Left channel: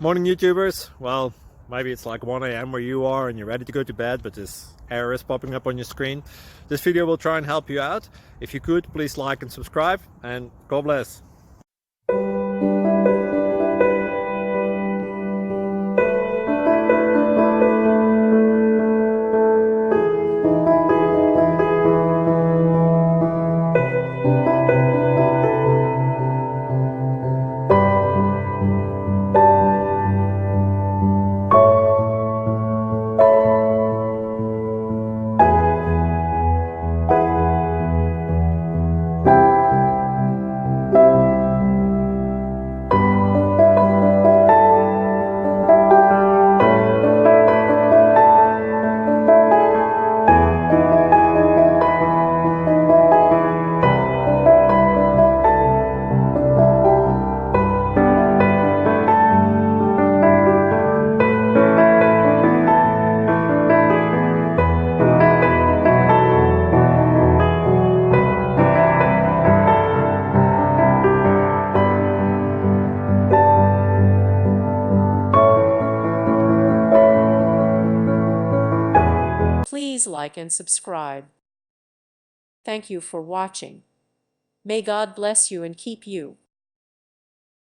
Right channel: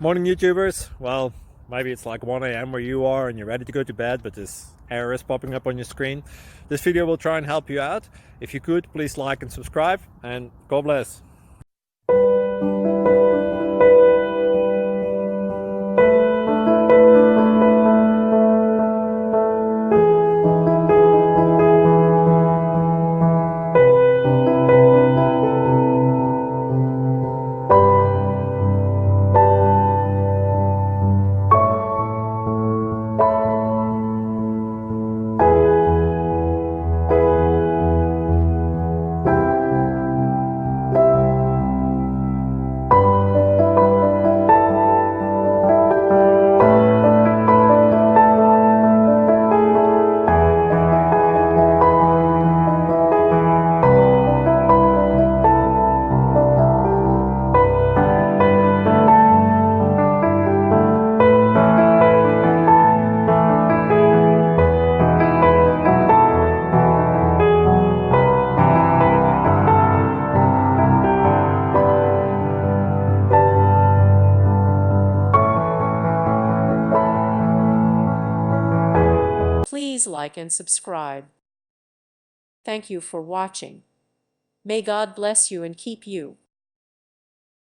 Morning YouTubers. Well, maybe it's like 1 a.m. where you are and you're ready to go to bed, but this error is popping up on your screen. This video will try and help you out. If you could, please like and subscribe, and God bless. Please like and subscribe. Thank you for watching. May God bless you and keep you.